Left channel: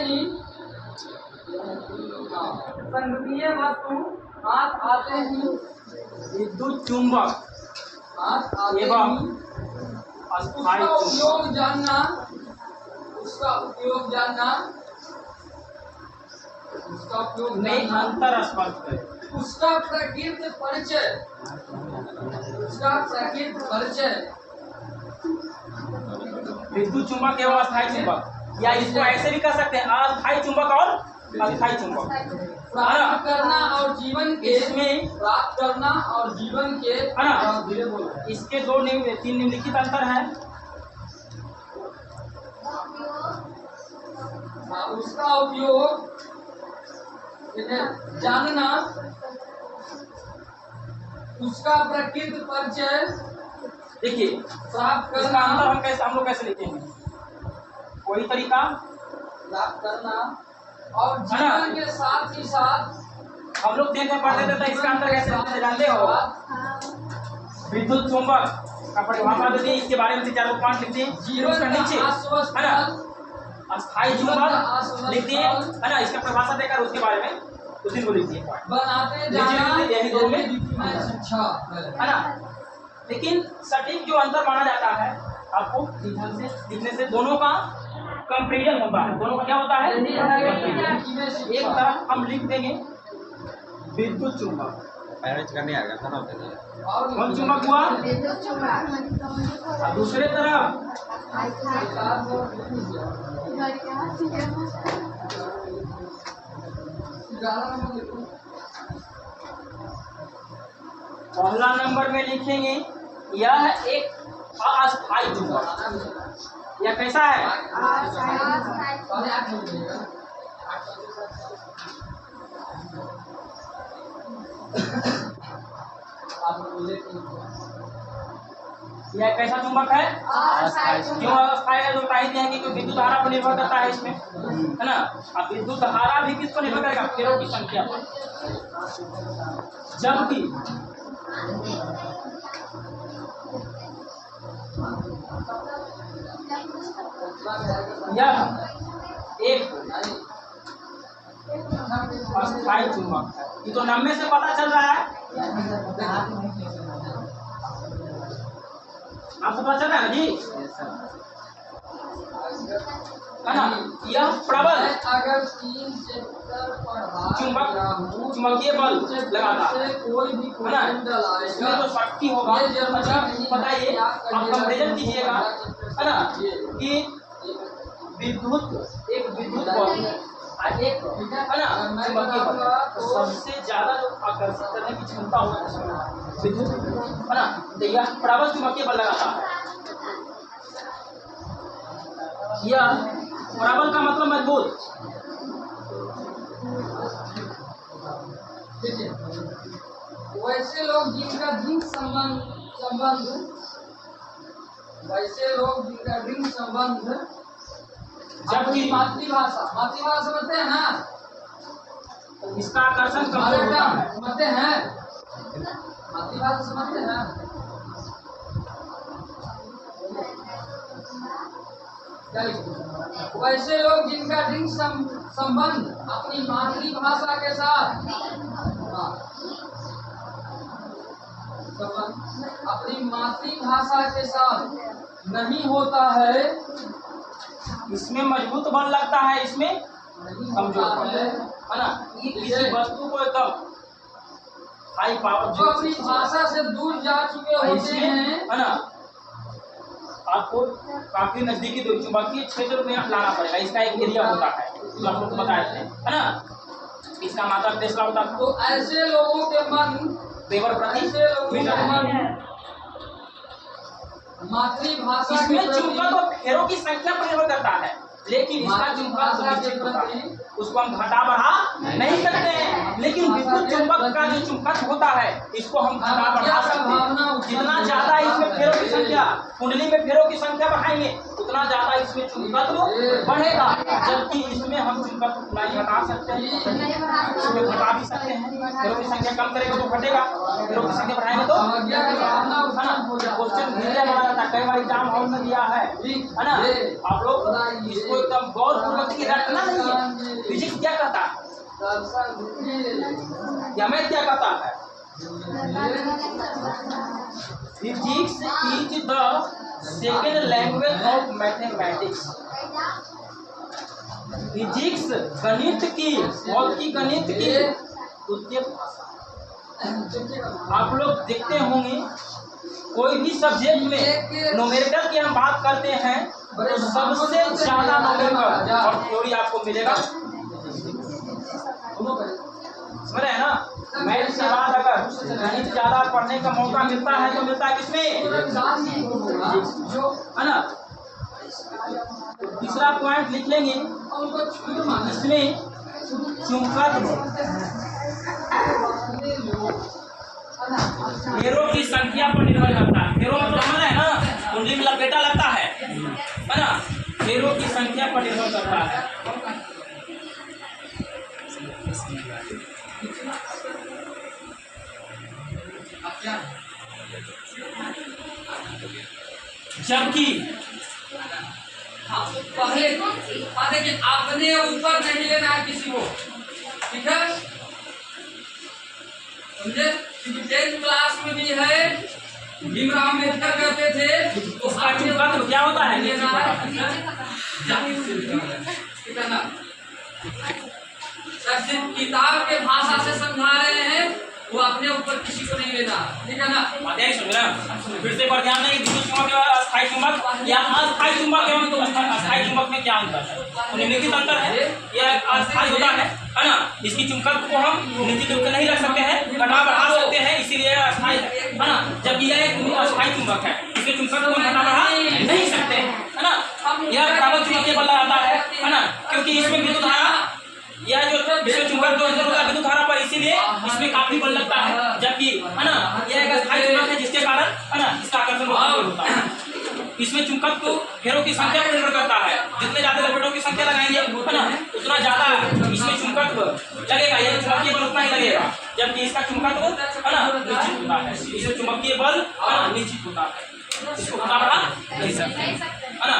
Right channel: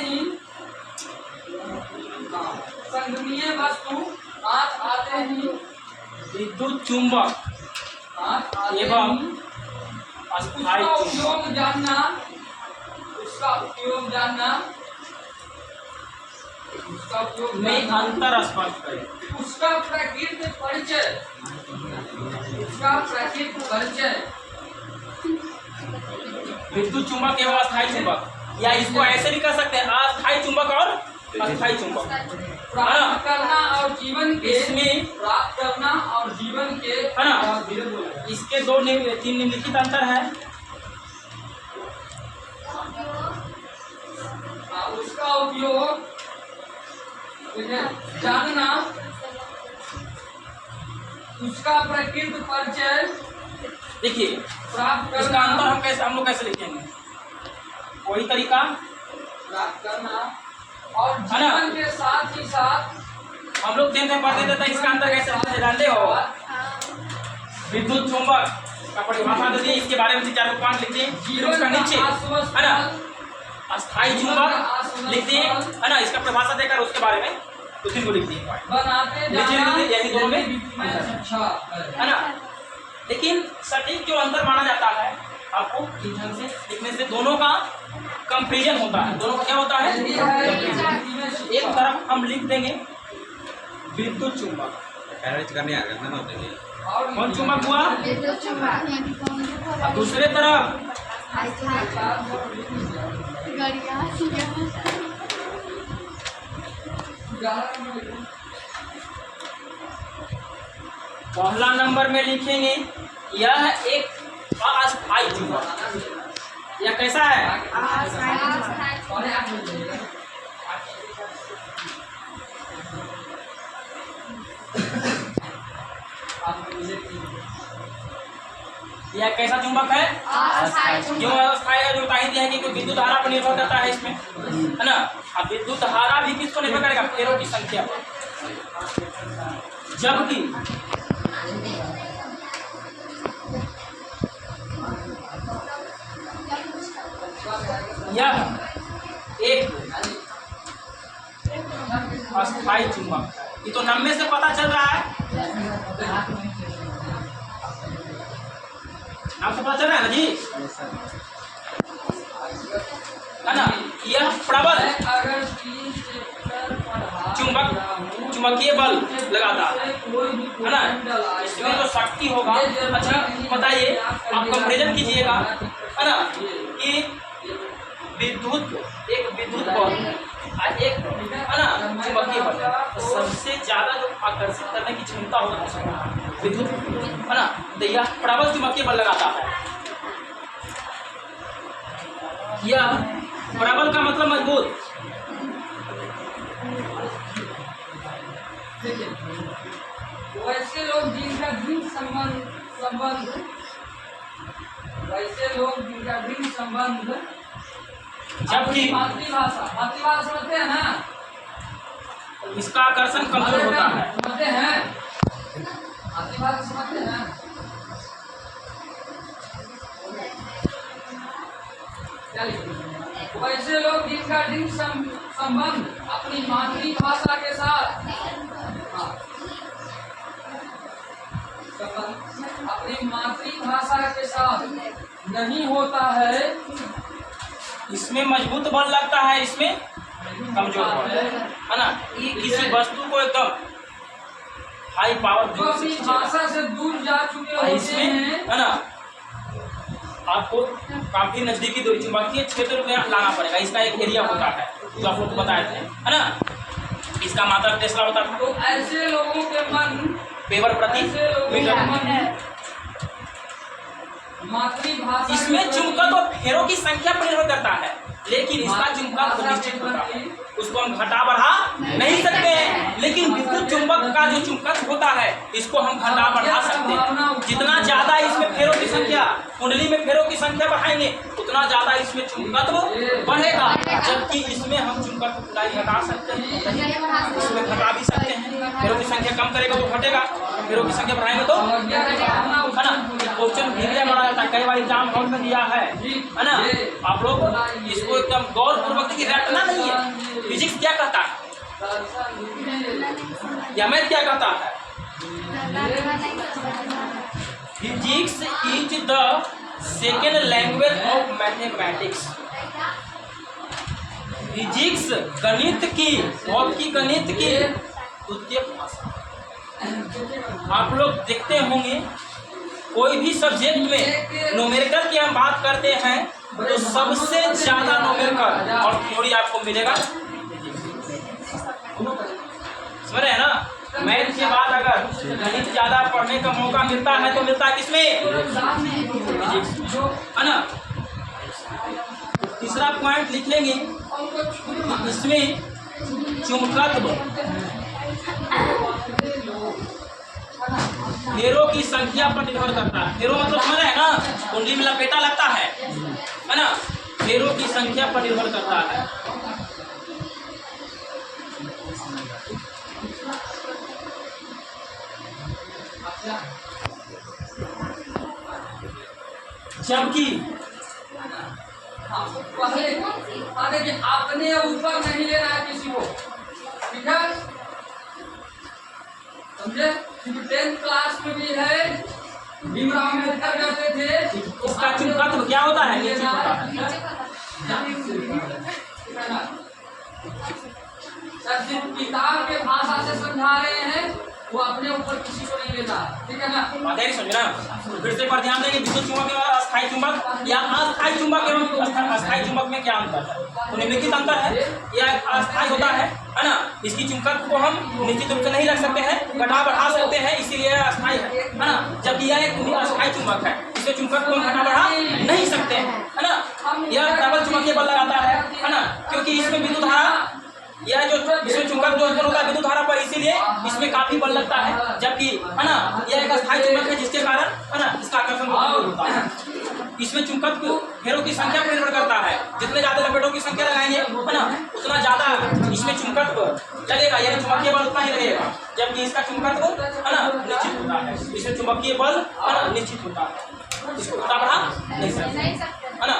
ही संघनीय वस्तु हाथ आते ही विद्युत चुंबक एवं अस्थायी उपयोग जानना, उसका उपयोग जानना, उसका उपयोग में अंतर स्पष्ट करें। उसका प्रकृति परिचय, उसका प्रकृति परिचय। विद्युत चुंबक एवं अस्थायी चुंबक, या इसको ऐसे भी कह सकते हैं अस्थायी चुंबक और अस्थायी चुंबक। प्राप्त करना और जीवन के, इसमें प्राप्त करना और जीवन के, है ना, इसके दो तीन निम्नलिखित अंतर है। उसका उपयोग जानना, उसका प्रकृति परिचय। देखिए प्राप्त इसका करना, अंतर हम लोग कैसे लिखेंगे, वही तरीका प्राप्त करना और जीवन के साथ ही साथ हम लोग दिन में पढ़ते थे। इसका अंतर कैसे लिखते हैं जानते हो? विद्युत चुंबक का परिभाषा देते हैं, इसके बारे में 4 पॉइंट लिखते हैं। जीवन नीचे है ना अस्थायी चुंबक लिखते हैं, है ना, इसका परिभाषा देकर उसके बारे में उसी को लिखते हैं। बनाते जाना, यही दोनों में अच्छा है ना। लेकिन सटीक जो अंतर माना जाता है आपको इस ढंग से लिखने से दोनों का कंपेरिजन होता है। दोनों का क्या होता है? एक तरफ हम लिख देंगे विद्युत चुंबक, कौन चुंबक हुआ, और दूसरे तरफ पहला नंबर में लिखेंगे यह एक अस्थायी चुंबक। यह कैसा है? यह कैसा चुंबक है? क्यों अस्थायी है? जो बता ही दिया है कि विद्युत धारा पर निर्भर करता है इसमें, है ना। अब विद्युत धारा भी किस पर निर्भर करेगा? फेरों की संख्या पर। जबकि यह एक अस्थायी चुंबक है। ये तो नाम में से पता चल रहा है, नाम से पता चल रहा है ना जी, है ना। यह प्रबल चुंबकीय बल लगाता है ना। इसमें जो शक्ति होगा, अच्छा बताइए आप कंपेरिजन कीजिएगा, है ना, कि एक विद्युत बल और एक है ना चुंबकीय बल, सबसे ज्यादा जो आकर्षित करने की क्षमता होती है विद्युत, है ना, तो यह प्रबल चुंबकीय बल लगाता है। यह प्रबल का मतलब मजबूत। वैसे लोग जिनका दृढ़ संबंध वैसे लोग जिनका दृढ़ संबंध जबकि मातृभाषा समझते हैं ना, इसका आकर्षण कमजोर होता है। समझते हैं मातृभाषा समझते हैं। वैसे लोग जिनका दृढ़ संबंध अपनी मातृभाषा के साथ अपनी मातृभाषा के साथ नहीं होता है, इसमें मजबूत बल लगता है, इसमें कमजोर बल है ना। ये किसी वस्तु को एकदम हाई पावर जो अपनी भाषा से दूर जा चुके होते इसमें हैं, है ना, आपको काफी नजदीकी दूरी चुंबकीय क्षेत्र में लाना पड़ेगा। इसका एक एरिया होता है जो आप लोग बताए थे, है ना। इसका मात्रा टेस्ला होता था। तो ऐसे लोगों के मन वेबर प्रति मीटर। मातृभाषा इसमें चुंबक और फेरों की संख्या पर निर्भर करता है, लेकिन इसका चुंबक तो निश्चित होता है, उसको हम घटा बढ़ा नहीं सकते हैं। लेकिन विद्युत चुंबक का जो चुंबक होता है इसको हम घटा बढ़ा सकते हैं। जितना ज्यादा इसमें फेरों की संख्या, कुंडली में फेरों की संख्या बढ़ाएंगे उतना ज्यादा इसमें चुंबकत्व बढ़ेगा, जबकि इसमें हम चुंबकत्व खुदाई घटा सकते हैं, इसमें घटा भी सकते हैं। फेरों की संख्या कम करेगा तो घटेगा, फेरों की संख्या बढ़ाएंगे तो है ना। क्वेश्चन भी क्या बना जाता है, कई बार एग्जाम हॉल में दिया है ना। आप लोग इसको एकदम गौर पूर्वक की रटना नहीं है। फिजिक्स क्या कहता है या मैथ क्या कहता है? Physics is the second language of mathematics. Physics गणित की, भौतिकी गणित की द्वितीय भाषा। आप लोग देखते होंगे कोई भी सब्जेक्ट में न्यूमेरिकल की हम बात करते हैं तो सबसे ज्यादा न्यूमेरिकल और थ्योरी आपको मिलेगा। समझ रहे हैं ना। मैथ के बाद अगर गणित ज्यादा पढ़ने का मौका मिलता है तो मिलता है किसमें? है ना। तीसरा पॉइंट लिख लेंगे, इसमें चुंबकत्व फेरों की संख्या पर निर्भर करता है। फेरों मतलब समझ है ना, कुंडली में लपेटा लगता है ना। फेरों की संख्या पर निर्भर करता है। जबकि पहले देखिए अपने ऊपर नहीं लेना है किसी को, ठीक है, समझे। क्योंकि 10th क्लास में भी है भीमराव अम्बेडकर कहते थे उसका चुंबकत्व क्या होता है? सर सिर्फ किताब के भाषा से समझा रहे हैं, वो अपने ऊपर किसी को नहीं लेना, ठीक है ना। समझ ना। फिर से पर ध्यान देंगे, विद्युत चुंबक और अस्थायी चुंबक या अस्थायी चुंबक एवं अस्थायी चुंबक में क्या अंतर है? तो निम्नलिखित अंतर है। यह अस्थायी होता है ना, इसकी चुंबकत्व को हम निश्चित रूप से नहीं रख सकते हैं, घटा बढ़ा सकते हैं, इसीलिए अस्थायी है ना। जबकि यह एक अस्थायी चुंबक है, इसके चुंबकत्व को घटा बढ़ा नहीं सकते है ना। यह प्रबल चुंबकीय बल लगाता है ना, क्योंकि इसमें विद्युत धारा, यह जो विश्व चुंबक जो होता है विद्युत धारा पर, इसीलिए इसमें काफी बल लगता है। जबकि है ना यह एक अस्थायी चुंबक है, जिसके कारण है ना इसका आकर्षण होता है। इसमें चुंबकत्व फेरों की संख्या पर निर्भर करता है। जितने ज्यादा लपेटों की संख्या लगाएंगे है ना, उतना ज्यादा इसमें चुंबकत्व लगेगा, यानी चुंबकीय बल उतना ही लगेगा। जबकि इसका चुंबकत्व है ना निश्चित होता है, इसमें चुंबकीय बल है ना निश्चित होता है, इसको घटा बढ़ा नहीं सकते है ना।